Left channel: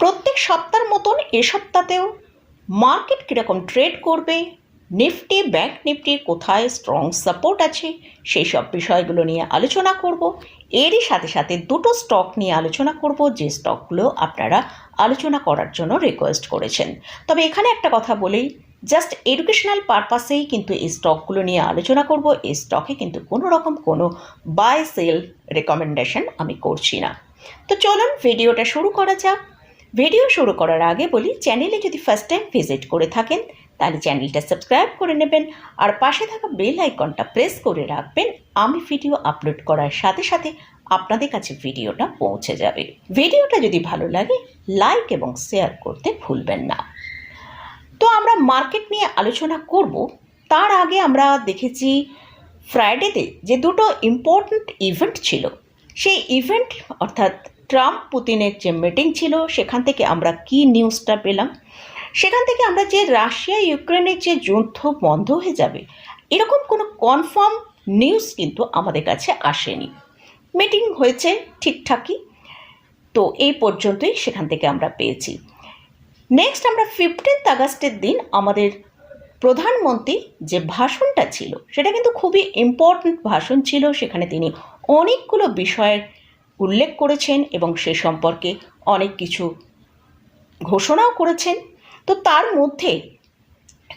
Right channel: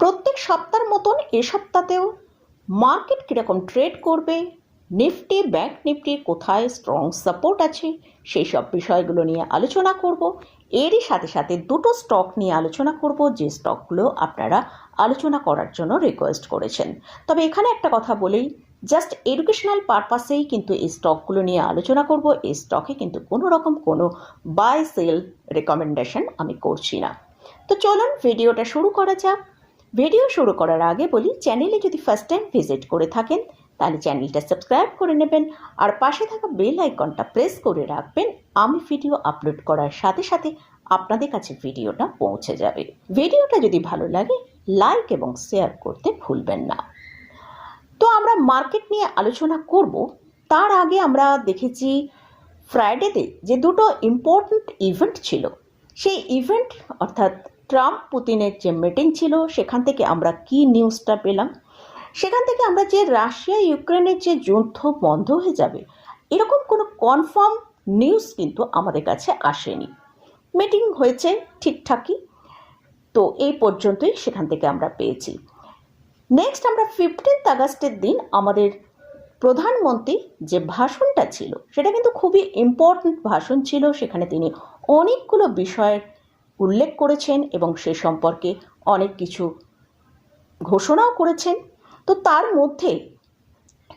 প্রত্যেক সপ্তাহের মতন এ সপ্তাহতেও মার্কেট কীরকম ট্রেড করবে, নিফটি, ব্যাংক নিফটির কোথায় স্ট্রং সাপোর্ট আছে, সেই সব বিষয়গুলো নিয়ে আলোচনা করব। এরই সাথে সাথে দুটো স্টক নিয়ে আলোচনা করব, যে স্টকগুলো আপনারা আলোচনা করার জন্য রিকোয়েস্ট করেছেন। তবে এখানে একটা কথা বলেই জাস্ট এডুকেশনাল পারপাসেই কিন্তু এই স্টকগুলো নিয়ে আলোচনা করব, এই স্টকে কিন্তু কোনো রকম কোনো বাই সেল রেকমেন্ডেশন আমি করছি না। তো চলুন ভিডিওটা শুরু করা যাক। ভিডিও শুরু করার আগে বলি, চ্যানেলে যদি ফার্স্ট টাইম ভিজিট করে থাকেন, তাহলে চ্যানেলটা সাবস্ক্রাইব করে নেবেন। আর পাশে থাকা বেল আইকনটা প্রেস করে রাখবেন, আমি ভিডিও আপলোড করার সাথে সাথে আপনাদের কাছে ভিডিওটা পৌঁছে যাবে। ভিডিওটা যদি ভালো লাগে লাইক এবং শেয়ার করতে ভুলবেন না। তো আমরা মার্কেট নিয়ে আলোচনা করব। তার আগে আমরা দেখেছি ফ্রাইডেতে যে দুটো ইম্পর্ট্যান্ট ইভেন্ট ছিল। সেই ইভেন্ট অর্থাৎ ট্রাম্প পুতিনের যে মিটিং ছিল, সেখান থেকে আমরা কি নিউজটা পেলাম? সেখান থেকে আমরা যে রাশিয়া, ইউক্রেনের যে যুদ্ধ বন্ধ হয়ে যাবে, এরকম কোনো কনফার্ম নিউজ কিন্তু আমাদের কাছে আসেনি। মিটিং হয়েছে ঠিকঠাকই, তো এই পর্যন্তই সেখান থেকে আমরা পেয়েছি। নেক্সট আমরা ফিফটিন্থ আগস্টের দিন আমাদের প্রধানমন্ত্রী যে ভাষণটা ছিল, সেটা কিন্তু খুবই ইম্পর্ট্যান্ট ভাষণ ছিল। সেখানে তিনি অনেকগুলো বিষয়ের উল্লেখ করেছেন এবং সে সম্পর্কে অনেক কিছু ঘোষণাও করেছেন। তো তার মধ্যে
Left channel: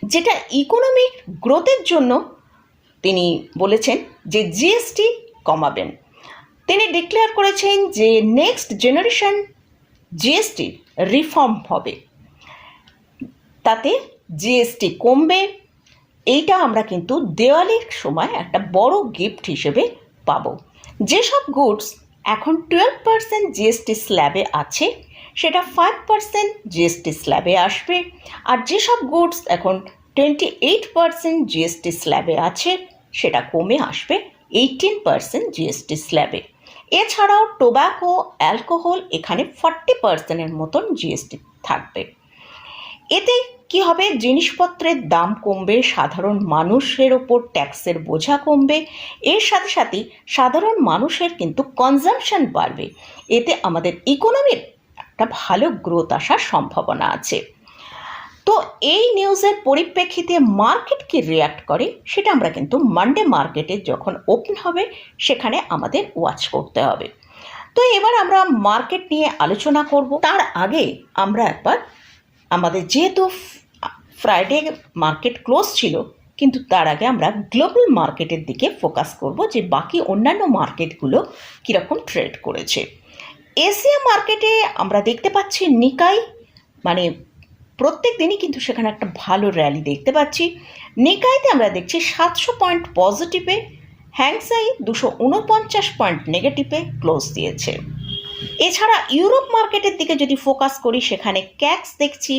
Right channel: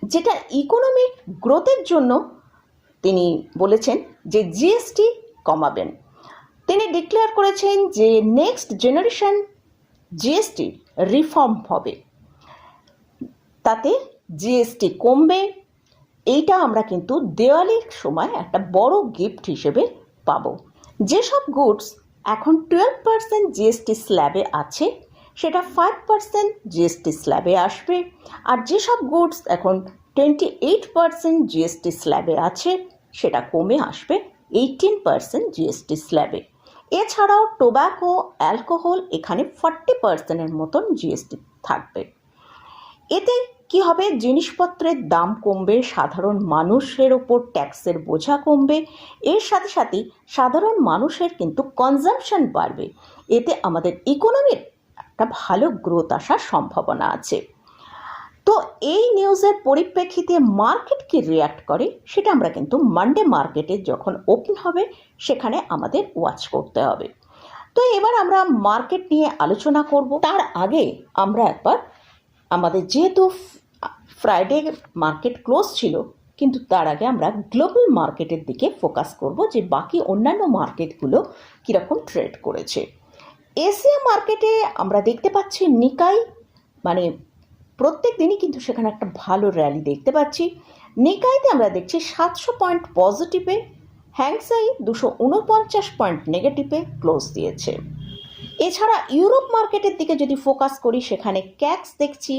যেটা ইকোনমিক গ্রোথের জন্য তিনি বলেছেন যে জিএসটি কমাবেন। তিনি ডিক্লেয়ার করেছেন যে নেক্সট জেনারেশন জিএসটি রিফর্ম হবে। তাতে জিএসটি কমবে। এইটা আমরা কিন্তু দেওয়ালির সময় একটা বড় গিফট হিসেবে পাবো। যেসব গুডস এখন টুয়েলভ পার্সেন্ট জিএসটি স্ল্যাবে আছে, সেটা ফাইভ পার্সেন্ট জিএসটি স্ল্যাবে আসবে। আর যেসব গুডস এখন টোয়েন্টি এইট পার্সেন্ট জিএসটি স্ল্যাবে আছে, সেটা কমে আসবে এইটিন পার্সেন্ট জিএসটি স্ল্যাবে এছাড়াও টোব্যাকো অ্যালকোহল এখানে ফর্টি পার্সেন্টের মতন জিএসটি থাকবে। এতে কি হবে? জিনিসপত্রের দাম কমবে, সাধারণ মানুষের ওপর ট্যাক্সের বোঝা কমবে, এর সাথে সাথে সাধারণ মানুষের কিন্তু কনজামশন বাড়বে। এতে আমাদের ইকোনমির একটা ভালো গ্রোথ আসার সম্ভাবনা আছে। তো এই নিউজের পরিপ্রেক্ষিতে মার্কেট কি রিয়াক্ট করে, সেটা আমরা কিন্তু মানডে মার্কেটে যখন ওপেন হবে, সেখানে আমাদের ওয়াচ করতে হবে। তো এবার আমরা মার্কেট নিয়ে আলোচনা করব। তার আগে আমরা একবার আমাদের যেহেতু ফ্রাইডে মার্কেট ক্লোজ ছিল, কিন্তু তার আগে আমরা গ্লোবাল মার্কেটের দিকে ফোকাস করব যে বাকি অন্যান্য মার্কেটগুলো কীরকম ট্রেড করেছে। এশিয়া মার্কেটে আমরা দেখতে পাচ্ছি নিকাই মানে প্রত্যেক দিনই কিন্তু সেখানে একটা ভালো র্যালি দেখতে পাচ্ছি। নিকাইতে আমরা দেখছি সাতশো পয়েন্ট পজিটিভে হ্যাংসাই দুশো উনপঞ্চাশ পয়েন্ট নেগেটিভে ক্লোজ দিয়েছে। এছাড়া ইউরোপ মার্কেটের দিকে যদি ফোকাস করি, সেখানে ক্যাক্স দেখছি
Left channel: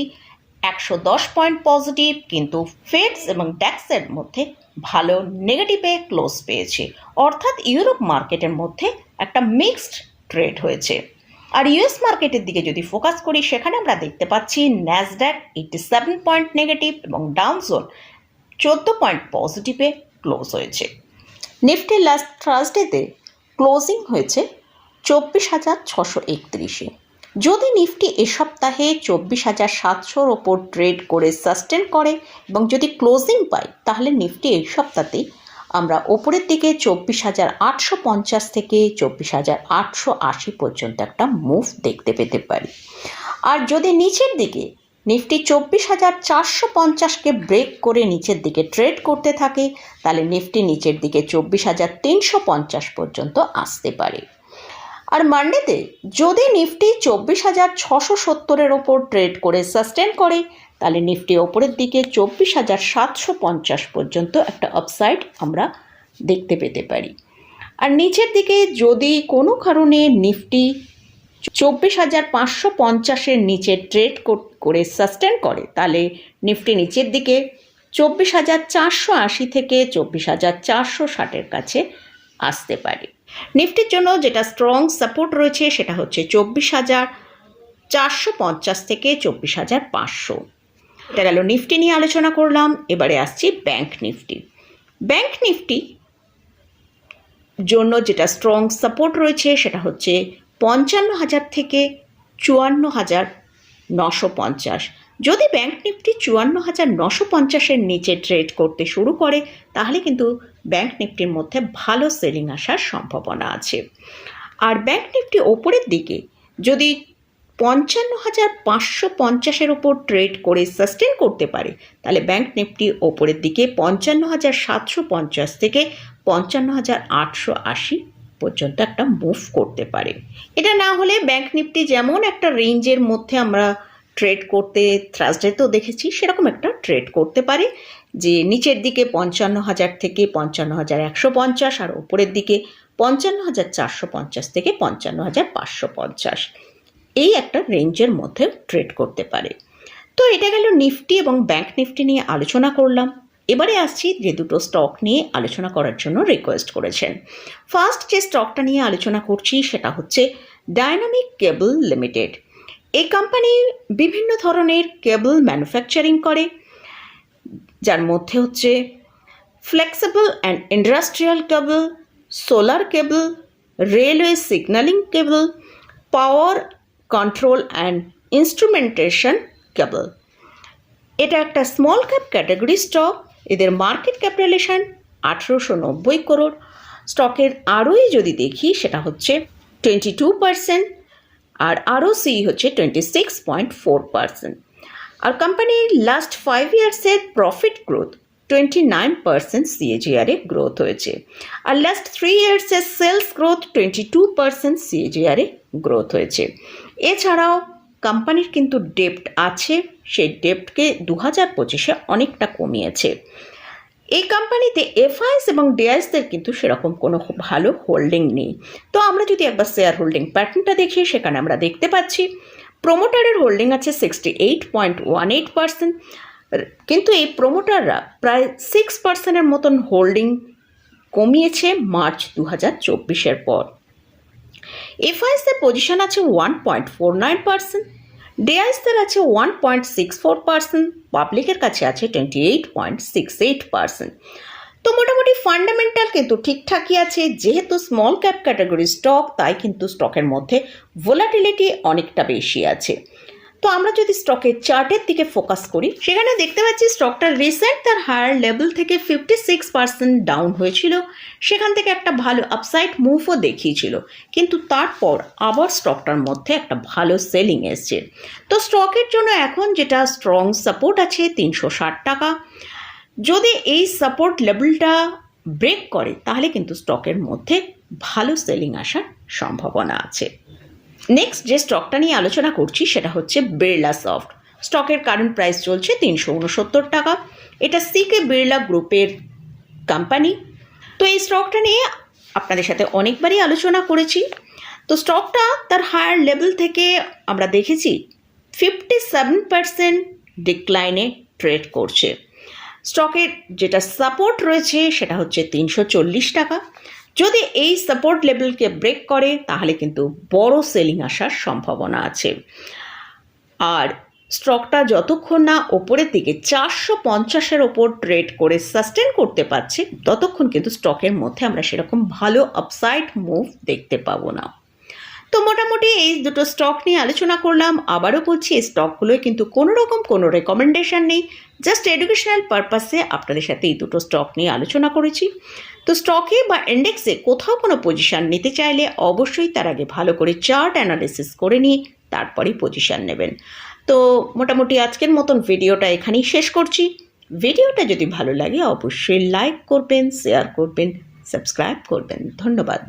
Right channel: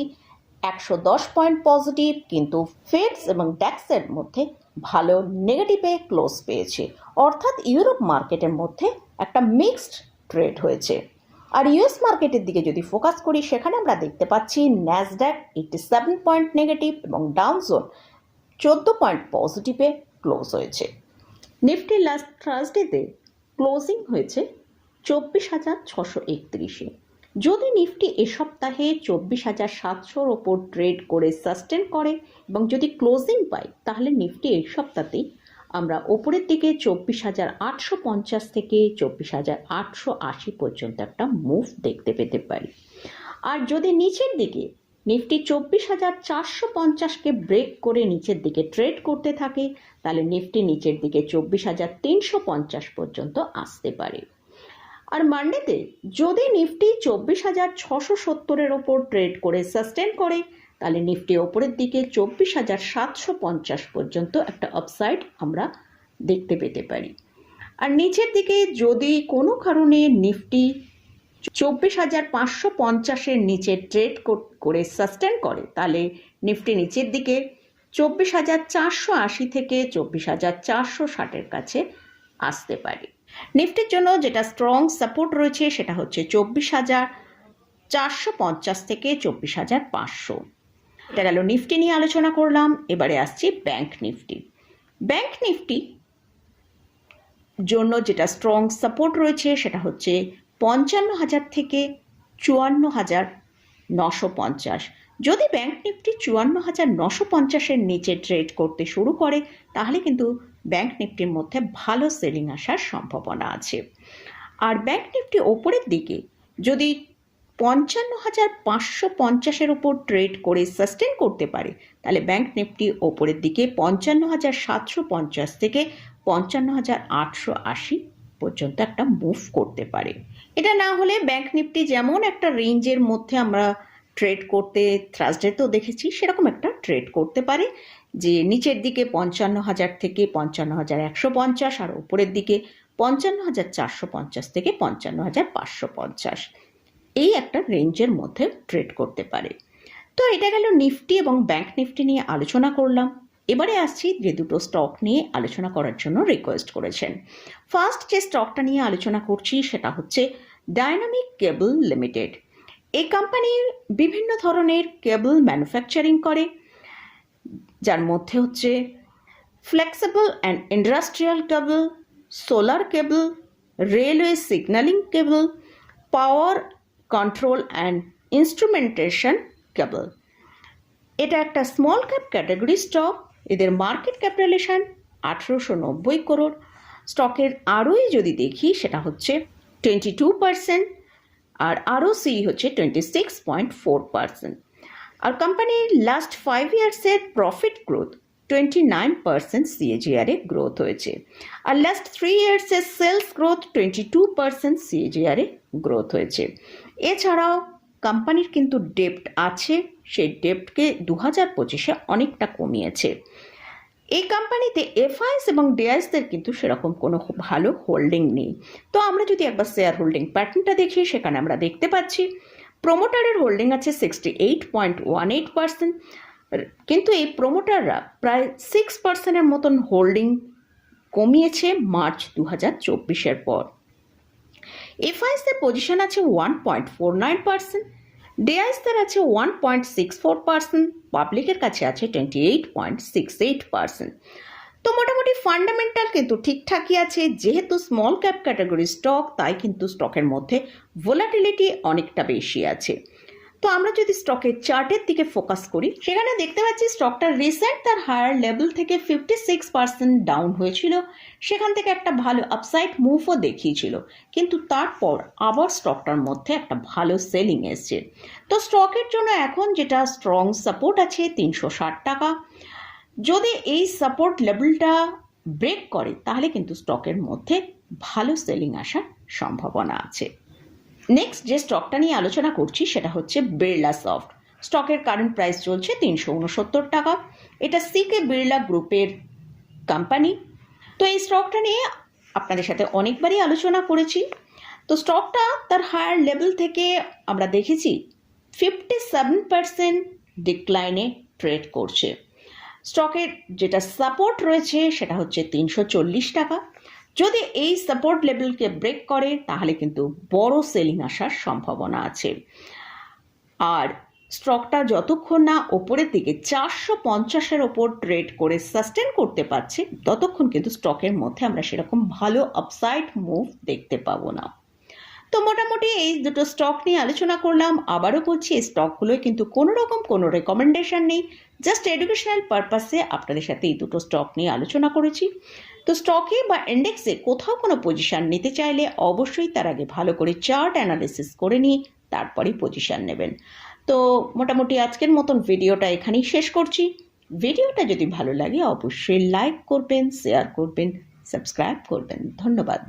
একশো দশ পয়েন্ট পজিটিভ, কিন্তু ফেডস এবং ড্যাক্সের মধ্যে ভালো নেগেটিভে ক্লোজ পেয়েছে। অর্থাৎ ইউরোপ মার্কেটের মধ্যে একটা মিক্সড ট্রেড হয়েছে। আর ইউএস মার্কেটের দিকে যদি ফোকাস করি, সেখানে আমরা দেখতে পাচ্ছি Nasdaq eighty seven point negative এবং ডাউনজোন চোদ্দ পয়েন্ট পজিটিভে ক্লোজ হয়েছে। নিফটি লাস্ট থার্সডেতে ক্লোজিং হয়েছে চব্বিশ হাজার ছশো একত্রিশে। যদি নিফটি এ সপ্তাহে চব্বিশ হাজার সাতশোর ওপর ট্রেড করে সাস্টেন করে এবং যদি ক্লোজিং পায়, তাহলে নিফটি এই সপ্তাহতেই আমরা ওপরের দিকে চব্বিশ হাজার আটশো পঞ্চাশ থেকে চব্বিশ হাজার আটশো আশি পর্যন্ত একটা মুভ দেখতে পেতে পারি। আর যদি নিচের দিকে নিফটি চব্বিশ হাজার চারশো পঞ্চাশকে ব্রেক করে নিচের দিকে ট্রেড করতে থাকে, তাহলে নিফটি নিচের দিকে চব্বিশ হাজার তিনশো পঞ্চাশ পর্যন্ত আসতে পারে। আর মান্ডেতে যদি নিফটি চব্বিশ হাজার ছশো সত্তরের ওপর ট্রেড করে সাস্টেন করে, তাহলে নিফটি ওপরের দিকে চব্বিশ হাজার সাতশো পঞ্চাশ পর্যন্ত একটা আপসাইড আমরা দেখতে পেতে পারি। আর নিচের দিকে যদি কোনো কারণে নিফটি চব্বিশ হাজার পাঁচশো পঞ্চাশের নিচে ট্রেড করে সাস্টেন করে, তাহলে নিফটি নিচের দিকে চব্বিশ হাজার চারশো আশি থেকে চব্বিশ হাজার চারশো ষাটের কাছে আসতে পারে। নিফটির জন্য যেটা স্ট্রং সাপোর্ট রয়েছে সেটা হচ্ছে চব্বিশ হাজার চারশো পঞ্চাশ থেকে চব্বিশ হাজার পাঁচশো। এটা গেল নিফটি নিয়ে আলোচনা করলাম, এবারে আসছি ব্যাংক নিফটি ব্যাংক নিফটি জন্য যেটা স্ট্রং সাপোর্ট রয়েছে সেটা হচ্ছে পঞ্চান্ন হাজার থেকে চুয়ান্ন হাজার নশো পঞ্চাশ। যদি ব্যাংক নিফটি চুয়ান্ন হাজার নশো পঞ্চাশের নিচে ট্রেড করতে শুরু করে, তাহলে কিন্তু ব্যাংক নিফটির মধ্যে ভালো সেলিং আসার সম্ভাবনা আছে। আর ব্যাংক নিফটি ওপরের দিকে যদি পঞ্চান্ন হাজার পাঁচশো পঞ্চাশের ওপর ট্রেড করে সাস্টেন করতে পারে, তাহলে ব্যাংক নিফটি ওপরের দিকে পঞ্চান্ন হাজার সাতশো পঞ্চাশ থেকে পঞ্চান্ন হাজার আটশো আশি পর্যন্ত একটা মুভ করতে পারে। এটা না হলে ব্যাংক নিফটি যেমন একটা রেঞ্জের মধ্যে আমরা ট্রেড করতে তো দেখেছি, সেরকম একটা ট্রেড করতে পারে, যে নিচের দিকে পঞ্চান্ন হাজার থেকে পঞ্চান্ন হাজার একশো পঞ্চাশ আর ওপরের দিকে পঞ্চান্ন হাজার চারশো পঞ্চাশ থেকে পঞ্চান্ন হাজার পাঁচশো পঞ্চাশ। এই একটা রেঞ্জের মধ্যে ট্রেড করতে পারে। তো এটা গেল নিফটি এবং ব্যাংক নিফটি নিয়ে আলোচনা করলাম। এবারে আসছি যে দুটো স্টক নিয়ে আলোচনা করার জন্য রিকোয়েস্ট করেছেন। ফার্স্ট যে স্টকটা নিয়ে আলোচনা করছি, সেটা হচ্ছে ডায়নামিক কেবল লিমিটেড এই কোম্পানি বিভিন্ন ধরনের কেবল ম্যানুফ্যাকচারিং করে, যার মধ্যে হচ্ছে flexible and industrial cable solar cable railway signalling cable power control and instrumentation cable এটা একটা স্মল ক্যাপ ক্যাটাগরি স্টক এদের মার্কেট ক্যাপিটালেশন আঠেরোশো নব্বই করোড় স্টকের আরোই যদি দেখি, সেটা হচ্ছে টোয়েন্টি টু পার্সেন্ট আর আরও সি হচ্ছে twenty six point four percent আর কোম্পানির last five ইয়ার্সের profit growth twenty nine percent সিএজিআরে growth হয়েছে। আর last three ইয়ার্সের sales growth twenty two percent সিএজিআরে growth হয়েছে। এছাড়াও কোম্পানির কিন্তু ডেপ্ট আছে, সেই ডেপ্টকে দু হাজার পঁচিশে অনেকটা কমিয়েছে। এই কোম্পানিতে এফআইএস এবং ডিআইএসদের কিন্তু সেরকম কোনো ভালো হোল্ডিং নেই। তো আমরা যদি একবার শেয়ার হোল্ডিং প্যাটার্নটা দেখি, সেখানে আমরা দেখতে পাচ্ছি প্রোমোটারের হোল্ডিং আছে sixty eight point one eight percent কিন্তু এই প্রোমোটাররা প্রায় সিক্স পার্সেন্টের মতন হোল্ডিং কমিয়েছে মার্চ দু হাজার চব্বিশের পর। এফআইএসদের পজিশন আছে one point four nine percent ডিআইএসদের আছে one point six four percent পাবলিকের কাছে আছে twenty eight point six eight percent তো মোটামুটি ফান্ডামেন্টাল কিন্তু ঠিকঠাকই আছে, যেহেতু স্মল ক্যাপ ক্যাটাগরি স্টক তাই কিন্তু স্টকের মধ্যে ভোলাটিলিটি অনেকটা বেশি আছে। তো আমরা যদি স্টকের চার্টের দিকে ফোকাস করি, সেখানে দেখতে পাচ্ছি স্টকটা রিসেন্ট তার হায়ার লেভেল থেকে ফিফটি সিক্স পার্সেন্ট ডাউন হয়েছিল। সেখান থেকে একটা ভালো আপসাইড মুভও দেখিয়েছিল। কিন্তু তারপর আবার স্টকটার মধ্যে একটা ভালো সেলিং এসছে। তো স্টকের জন্য এখন যেটা স্ট্রং সাপোর্ট আছে তিনশো ষাট টাকা। যদি এই সাপোর্ট লেভেলটা ব্রেক করে, তাহলে কিন্তু স্টকের মধ্যে ভালো সেলিং আসার সম্ভাবনা আছে। নেক্সট যে স্টকটা নিয়ে আলোচনা করছি, সেটা হচ্ছে বিড়লা সফট স্টকের কারেন্ট প্রাইস চলছে তিনশো উনসত্তর টাকা। এটা সিকে বিড়লা গ্রুপের কোম্পানি তো এই স্টকটা নিয়ে আপনাদের সাথে অনেকবারই আলোচনা করেছি। তো স্টকটা তার হায়ার লেভেল থেকে আমরা দেখেছি ফিফটি সেভেন পার্সেন্ট ডিক্লাইনে ট্রেড করছে। স্টকের যেটা সাপোর্ট রয়েছে, সেটা হচ্ছে তিনশো চল্লিশ টাকা। যদি এই সাপোর্ট লেভেলকে ব্রেক করে, তাহলে কিন্তু বড় সেলিং আসার সম্ভাবনা আছে। আর স্টকটা যতক্ষণ না ওপরের দিকে চারশো পঞ্চাশের ওপর ট্রেড করে সাস্টেন করতে পারছে, ততক্ষণ কিন্তু স্টকের মধ্যে আমরা সেরকম ভালো আপসাইড মুভ দেখতে পাবো না। তো মোটামুটি এই দুটো স্টক নিয়ে আলোচনা করলাম। আবারও বলছি, এই স্টকগুলোয় কিন্তু কোনো রকম কোনো রেকমেন্ডেশন নেই। জাস্ট এডুকেশনাল পারপাসে আপনাদের সাথে এই দুটো স্টক নিয়ে আলোচনা করেছি। তো স্টকে বা ইন্ডেক্সে কোথাও কোনো পজিশান নিতে চাইলে অবশ্যই তার আগে ভালো করে চার্ট অ্যানালিসিস করে নিয়ে তারপরেই পজিশান নেবেন। তো মোটামুটি আজকের মতন ভিডিওটা এখানেই শেষ করছি। ভিডিওটা যদি ভালো লাগে, অবশ্যই লাইক করবেন শেয়ার করবেন সাবস্ক্রাইব করবেন। ধন্যবাদ।